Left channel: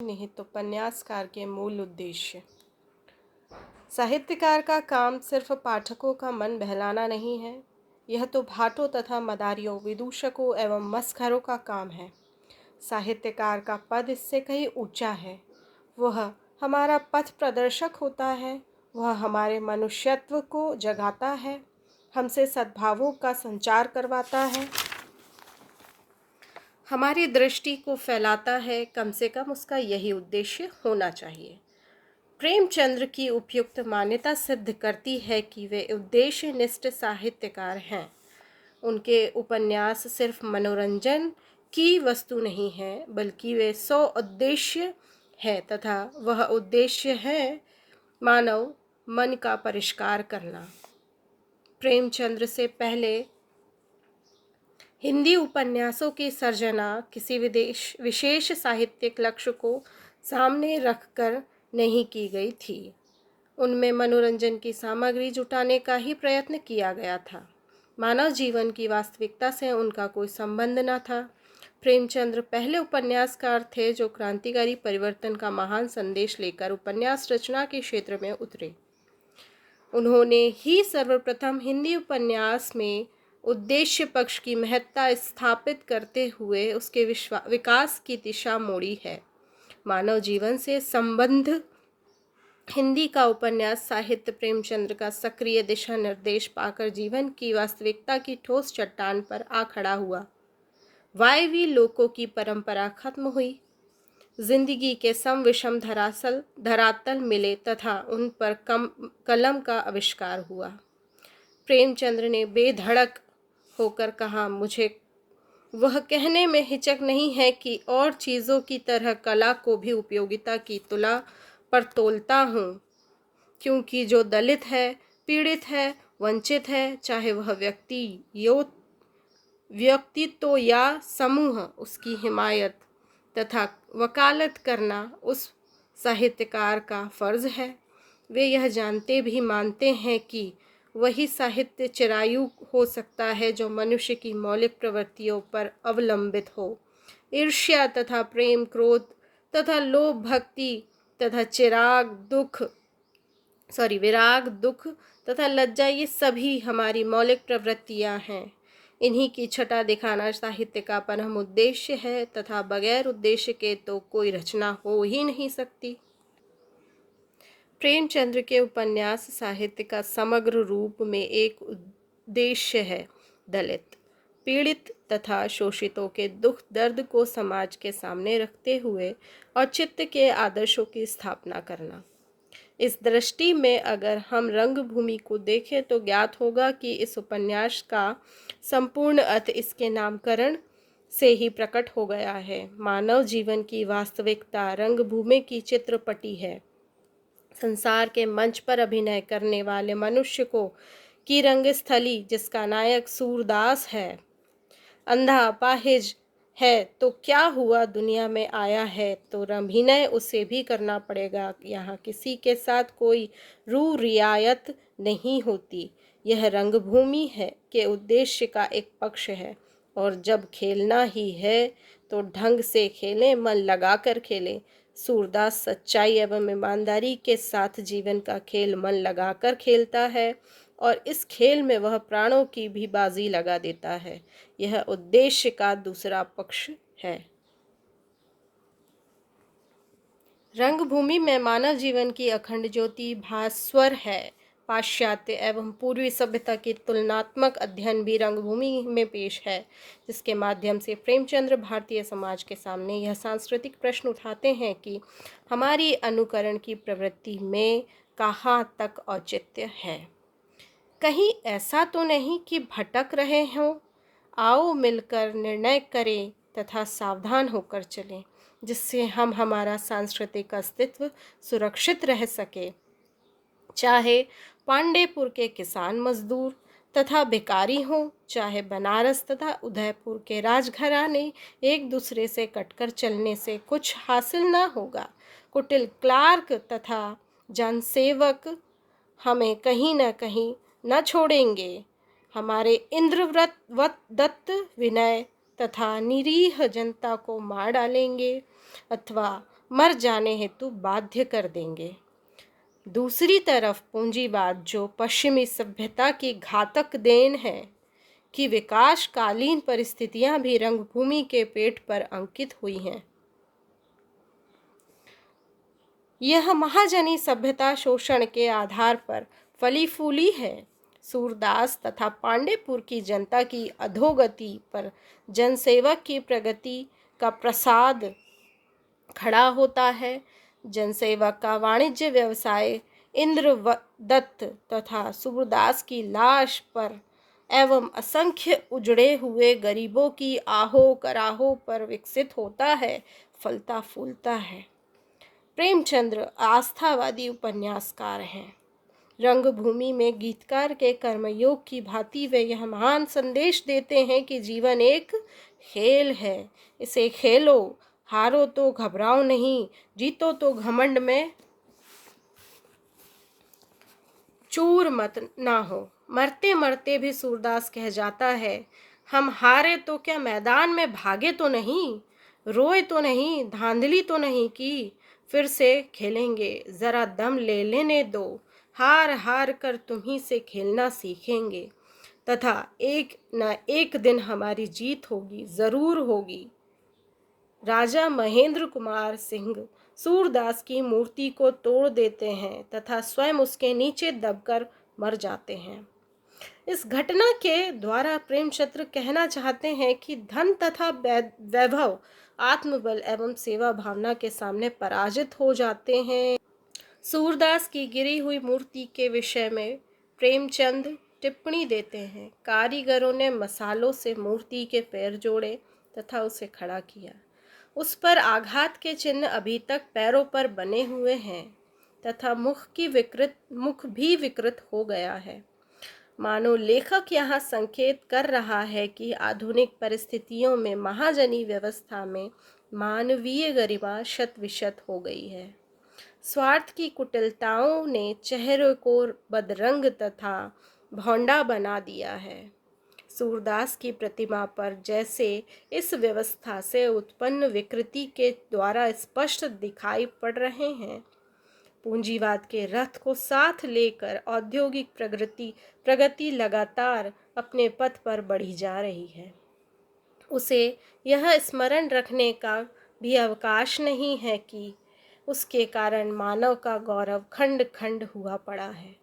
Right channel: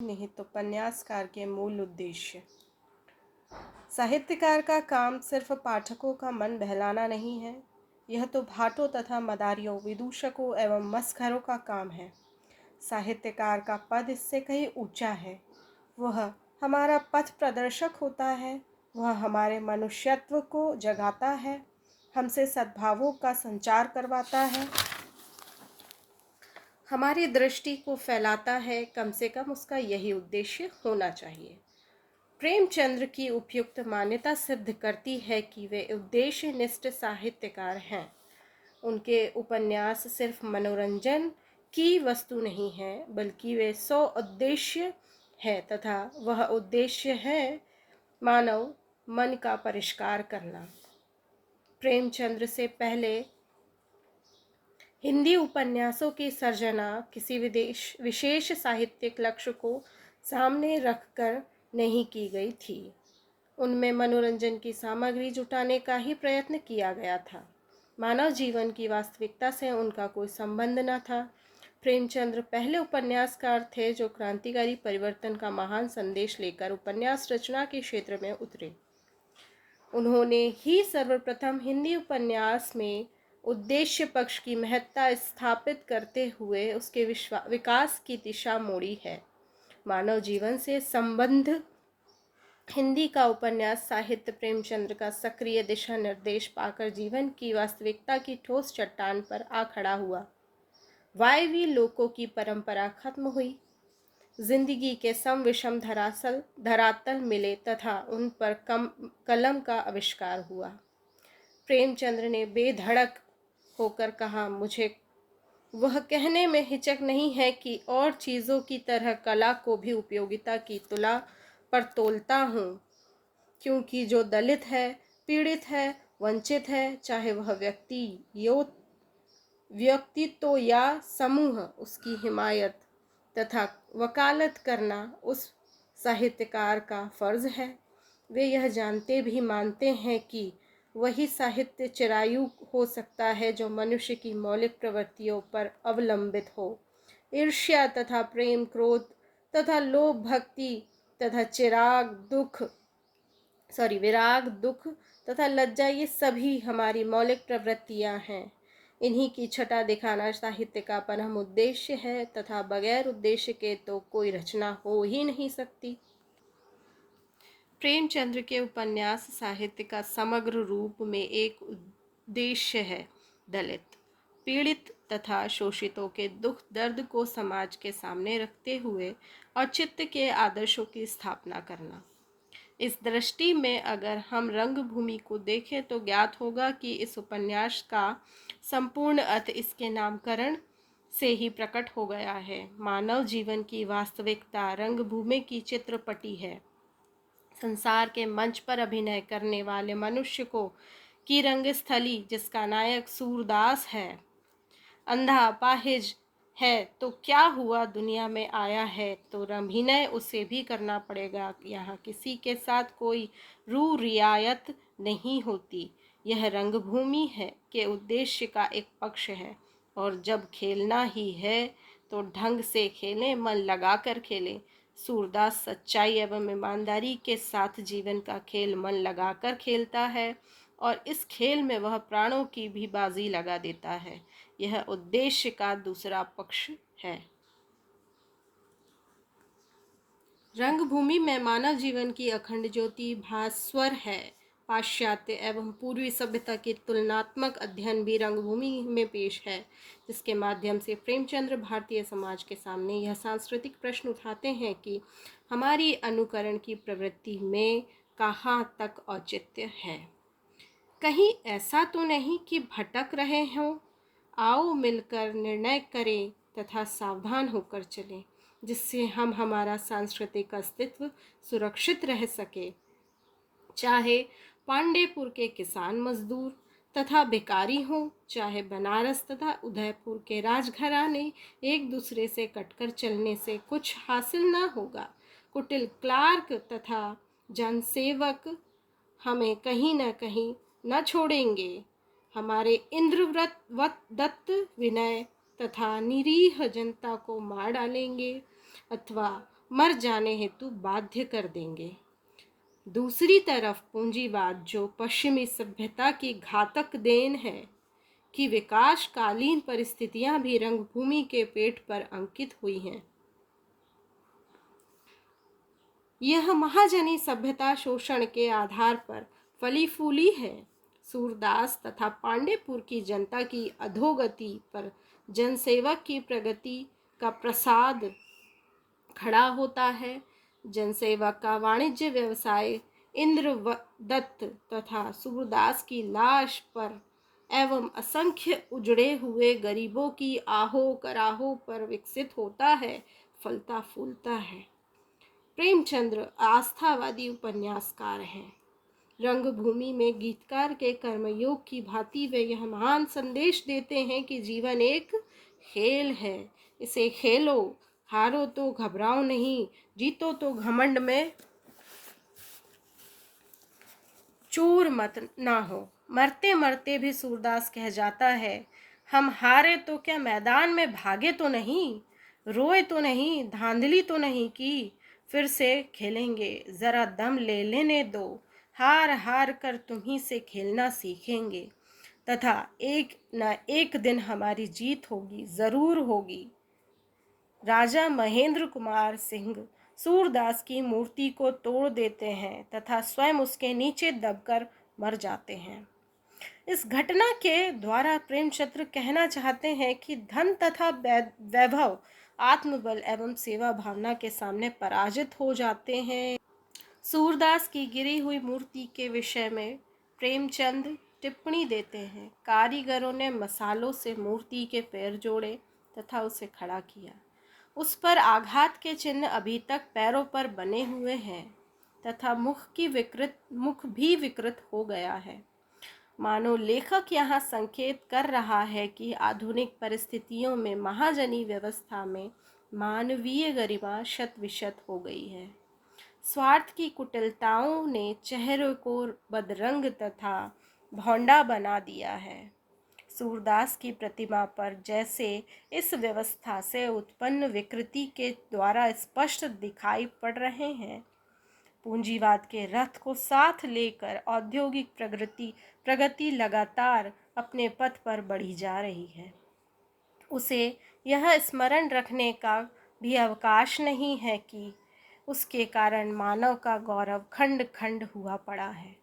निहित उपन्यासकार के मूल उद्देश्य। साहित्यकार का काम सिर्फ पाठकों का मन बहलाना नहीं है, यह तो भाटों तथा मदारियों, विदूषकों एवं मस्खरों का काम है। साहित्यकार का पद इससे कहीं ऊंचा है। वह हमारा पथ प्रदर्शक होता है, वह हमारे मनुष्यत्व को जगाता है, हमसे सद्भावों का संचार करवाता है, हमारी दृष्टि को फैलाता है। कम से कम उसका यही उद्देश्य होना चाहिए। प्रेमचंद्र की उपयुक्त मान्यता सिद्ध करती है कि वे उद्देश्यनिष्ठ साहित्यकार हैं। उनके उपन्यास सिर्फ मनोरंजन की वस्तु नहीं है, बल्कि वे सौ उद्देश्य है तथा वह उद्देश्य है मानव मन का परिष्कार करना। प्रेमचंद्र से पहले हिंदी उपन्यासों की सर्जना किसी विशेष साहित्यिक लक्ष्य को सामने रखकर नहीं की गई थी। उनमें मनोरंजन की सामग्री जुटाने का ही प्रयत्न किया गया था। मानव जीवन की वास्तविकता से उनका कोई संबंध न था। प्रेमचंद्र पहले उपन्यासकार थे जो क्रांतिकारी परिवर्तन का महान संदेश लेकर उपन्यास रचना के क्षेत्र में उतरे। उन्होंने ही सर्वप्रथम हिंदी उपन्यास में उद्देश्य पक्ष की महत्ता स्थापित करते हुए उसके विकास की दिशा मोड़ी है। मानव जीवन से संबंध हिंदी का उपन्यास साहित्य प्रेमचंद्र का सक्रिय दिशा निर्देश पाकर जीवन की वास्तविकता की ठोस चट्टान पर आ खड़ा हुआ। वायवी लोकों की परंपरा खत्म हुई, जिंदगी के सम विषम धरातल मिले तथा उन पर कलम का आविष्कार हुआ। प्रेमचंद्र ने बेधड़क होकर कहा, मुझे वह कहने में हिचक नहीं है कि और चीज़ों की तरह कला को भी उपयोगिता की तुला पर तोलता हूँ, क्योंकि जो दलित है, पीड़ित है, वंचित है, चाहे वह व्यक्तित्व या समूह, उसकी हिमायत तथा वकालत करना उस साहित्यकार का फर्ज है। वे यह जानते भी मानते हैं कि वही साहित्य चिरायु हो सकता है जो मनुष्य की मौलिक प्रवृत्तियों पर अवलंबित हो। ईर्ष्या तथा प्रेम, क्रोध तथा लोभ, भक्ति तथा विराग, दुख तथा लज्जा, ये सभी हमारी मौलिक प्रवृत्तियां हैं। इन्हीं की छटा दिखाना साहित्य का परम उद्देश्य है तथा बगैर उद्देश्य के तो कोई रचना हो ही नहीं सकती। प्रेमचंद्र के उपन्यास साहित्य का समग्र रूप में एक उद्देश्य है दलित, पीड़ित तथा शोषितों के दुख दर्द को समाज के सामने रखते हुए औचित्य के आदर्शों की स्थापना करना। इस दृष्टि में अगर हम रंगभूमि को देखें तो ज्ञात होगा कि इस उपन्यास का संपूर्ण अर्थ इसके नामकरण से ही प्रकट हो गया है। मानव जीवन की वास्तविकता रंगभूमि की चित्रपटी है। संसार के मंच पर अभिनय करने वाले मनुष्य को की रंगस्थली, जिसका नायक सूरदास है, अंधा अपाहिज है, तो क्या हुआ, दुनिया में आया है तो अभिनय उसे भी करना पड़ेगा। यहाँ किसी के साथ कोई रू रियायत नहीं होती। यह रंगभूमि है के उद्देश्य का एक पक्ष है, और जब खेलना ही है तो ढंग से खेलें, मन लगाकर खेलें। सूरदास सच्चाई एवं ईमानदारी के साथ जीवन का खेल मन लगाकर खेलता है, और इस खेल में वह प्राणों की भी बाजी लगा देता है। यह उद्देश्य का दूसरा पक्ष है। रंगभूमि में मानव जीवन की अखंड ज्योति भास्वर है। पाश्चात्य एवं पूर्वी सभ्यता की तुलनात्मक अध्ययन भी रंगभूमि में पेश है, जिसके माध्यम से प्रेमचंद्र भारतीय समाज के सामने यह सांस्कृतिक प्रश्न उठाते हैं कि हमारी अनुकरण की प्रवृत्ति में कहाँ तक औचित्य है। कहीं ऐसा तो नहीं कि भटक रहे हों। आओ मिलकर निर्णय करें तथा सावधान होकर चलें, जिससे हम हमारा सांस्कृतिक अस्तित्व सुरक्षित रह सके। चाहे पांडेपुर के किसान मजदूर तथा भिखारी हों, चाहे बनारस तथा उदयपुर के राजघराने, एक दूसरे से कटकर चलने से कुछ हासिल न होगा। कुटिल क्लार्क तथा जनसेवक हमें कहीं न कहीं न छोड़ेंगे। हमारे इंद्रदत्त विनय तथा निरीह जनता को मार डालेंगे, अथवा मर जाने हेतु बाध्य कर देंगे। दूसरी तरफ पूंजीवाद, जो पश्चिमी सभ्यता की घातक देन है, कि विकासकालीन परिस्थितियां भी रंगभूमि के पेट पर अंकित हुई हैं। यह महाजनी सभ्यता शोषण के आधार पर फली फूली है। सूरदास तथा पांडेपुर की जनता की अधोगति पर जनसेवक की प्रगति का प्रसाद खड़ा होता है। जनसेवक का वाणिज्य व्यवसाय इंद्रदत्त तथा सूरदास की लाश पर एवं असंख्य उजड़े हुए गरीबों की आहो कराहो पर विकसित होता है, फलता फूलता है। प्रेमचंद्र आस्थावादी उपन्यासकार हैं। रंगभूमि में गीतकार के कर्मयोग की भांति वे यह महान संदेश देते हैं कि जीवन एक खेल है, इसे खेलो, हारो तो घबराओ नहीं, जीतो तो घमंड में चूर मत ना हो। मरते मरते भी सूरदास कह जाता है, हम हारे तो क्या मैदान में भागे तो नहीं, रोए तो नहीं, धांधली तो नहीं की, फिर से खेलेंगे, जरा दम ले लेने दो, हार हार कर तुम्ही से खेलना सीखेंगे, तथा एक न एक दिन हमारी जीत होगी, जरूर होगी। राजा महेंद्र कुमार सिंह सूरदास की मूर्ति को तोड़ देते हैं तथा स्वयं उसके नीचे दबकर मर जाते हैं। इस घटना के द्वारा प्रेमचंद्र कहना चाहते हैं कि धन तथा वैभव आत्मबल एवं सेवा भावना के सामने पराजित हो जाते हैं। सूरदास की गिरी हुई मूर्ति के विषय में प्रेमचंद टिप्पणी देते हैं, कारीगरों ने मसालों से मूर्ति के पैर जोड़े तथा उसे खड़ा किया। उस पर आघात के चिन्ह अभी तक पैरों पर बने हुए हैं तथा मुख भी विकृत हो गया है। मानो लेखक यहाँ संकेत कर रहा है कि आधुनिक परिस्थितियों में महाजनी व्यवस्था में मानवीय गरिमा शत विशत हो गई है। स्वार्थ की कुटिलताओं ने चेहरे को बदरंग तथा भौंडा बना दिया है। सूरदास की प्रतिमा पर जैसे इस व्यवस्था से उत्पन्न विकृति के द्वारा स्पष्ट दिखाई पड़ रहे हैं। पूंजीवाद के रथ को साथ लेकर औद्योगिक प्रगति लगातार अपने पथ पर बढ़ी जा रही है। उसे यह स्मरण रखने का भी अवकाश नहीं है कि उसके कारण मानव का गौरव खंड खंड हुआ पड़ा है।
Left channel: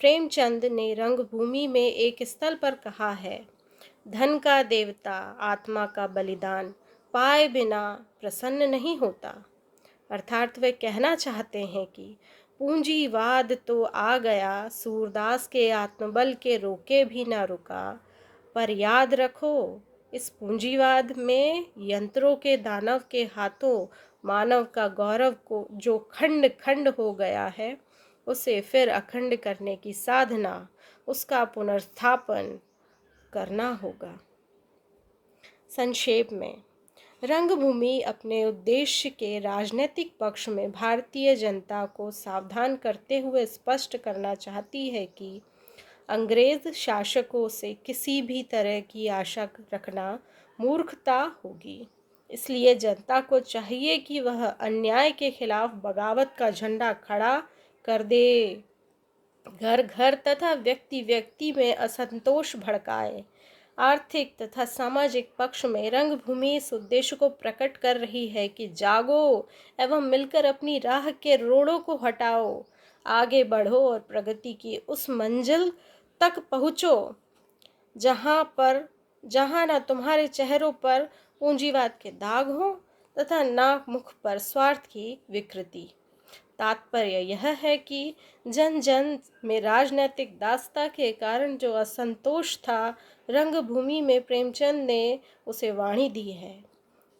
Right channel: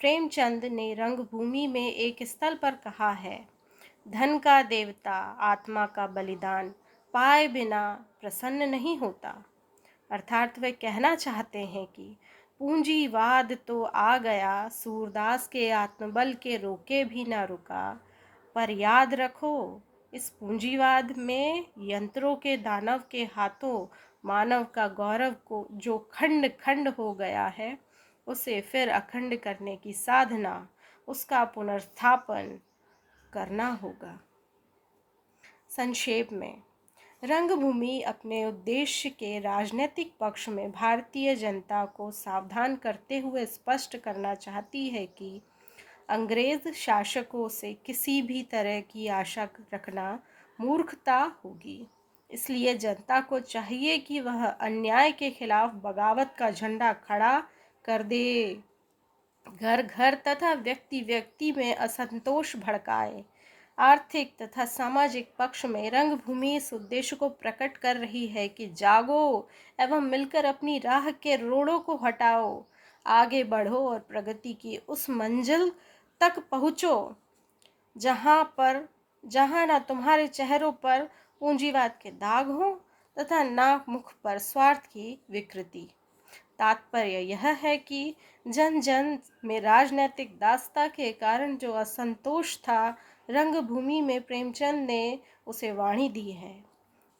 प्रेमचंद ने रंगभूमि में एक स्थल पर कहा है, धन का देवता आत्मा का बलिदान पाए बिना प्रसन्न नहीं होता। अर्थात वे कहना चाहते हैं कि पूंजीवाद तो आ गया, सूरदास के आत्मबल के रोके भी ना रुका, पर याद रखो इस पूंजीवाद में यंत्रों के दानव के हाथों मानव का गौरव को जो खंड खंड हो गया है, उसे फिर अखंड करने की साधना, उसका पुनर्स्थापन करना होगा। संक्षेप में, रंगभूमि अपने उद्देश्य के राजनीतिक पक्ष में भारतीय जनता को सावधान करते हुए स्पष्ट करना चाहती है कि अंग्रेज शासकों से किसी भी तरह की आशा रखना मूर्खता होगी। इसलिए जनता को चाहिए कि वह अन्याय के खिलाफ बगावत का झंडा खड़ा कर दे, घर घर तथा व्यक्ति व्यक्ति में असंतोष भड़काए। आर्थिक तथा सामाजिक पक्ष में रंगभूमि इस उद्देश्य को प्रकट कर रही है कि जागो एवं मिलकर अपनी राह के रोड़ों को हटाओ, आगे बढ़ो और प्रगति की उस मंजिल तक पहुँचो जहाँ न तुम्हारे चेहरों पर पूंजीवाद के दाग हो तथा न मुख पर स्वार्थ की विकृति। तात्पर्य यह है कि जन जन में राजनैतिक दासता के कारण जो असंतोष था, रंगभूमि में प्रेमचंद ने उसे वाणी दी है।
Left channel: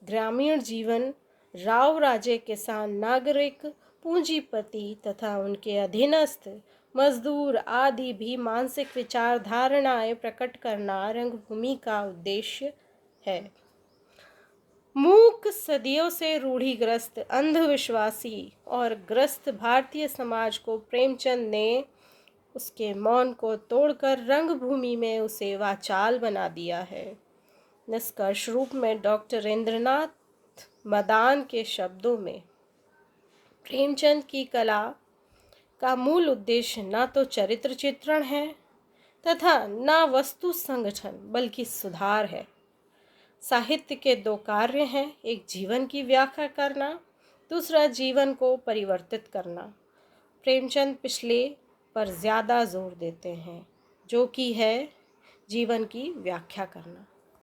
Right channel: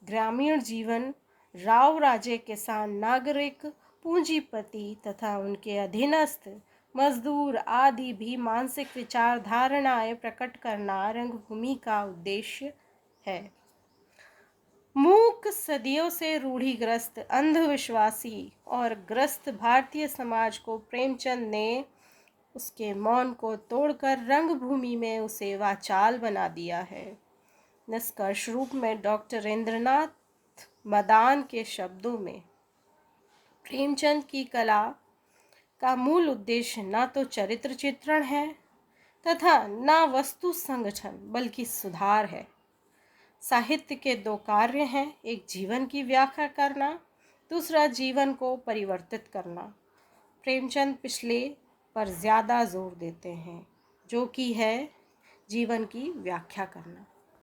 ग्रामीण जीवन, राव राजे, किसान, नागरिक, पूंजीपति तथा उनके अधीनस्थ मजदूर आदि भी मानसिक विचारधारणाएं प्रकट करना रंगभूमि का उद्देश्य है। मूक, सदियों से रूढ़िग्रस्त, अंधविश्वासी और ग्रस्त भारतीय समाज को प्रेमचंद ने उसके मौन को तोड़कर रंगभूमि में उसे वाचाल बना दिया है। निष्कर्ष रूप में डॉक्टर इंद्रनाथ मदान के शब्दों में, प्रेमचंद की कला का मूल उद्देश्य न तो चरित्र चित्रण है तथा न वस्तु संगठन बल्कि सुधार है। साहित्य के दो कार्य हैं, एक जीवन की व्याख्या करना, दूसरा जीवन को परिवर्तित करना। प्रेमचंद पिछले पर ज़्यादा जोर देते हैं, जो कि है जीवन की व्याख्या करना।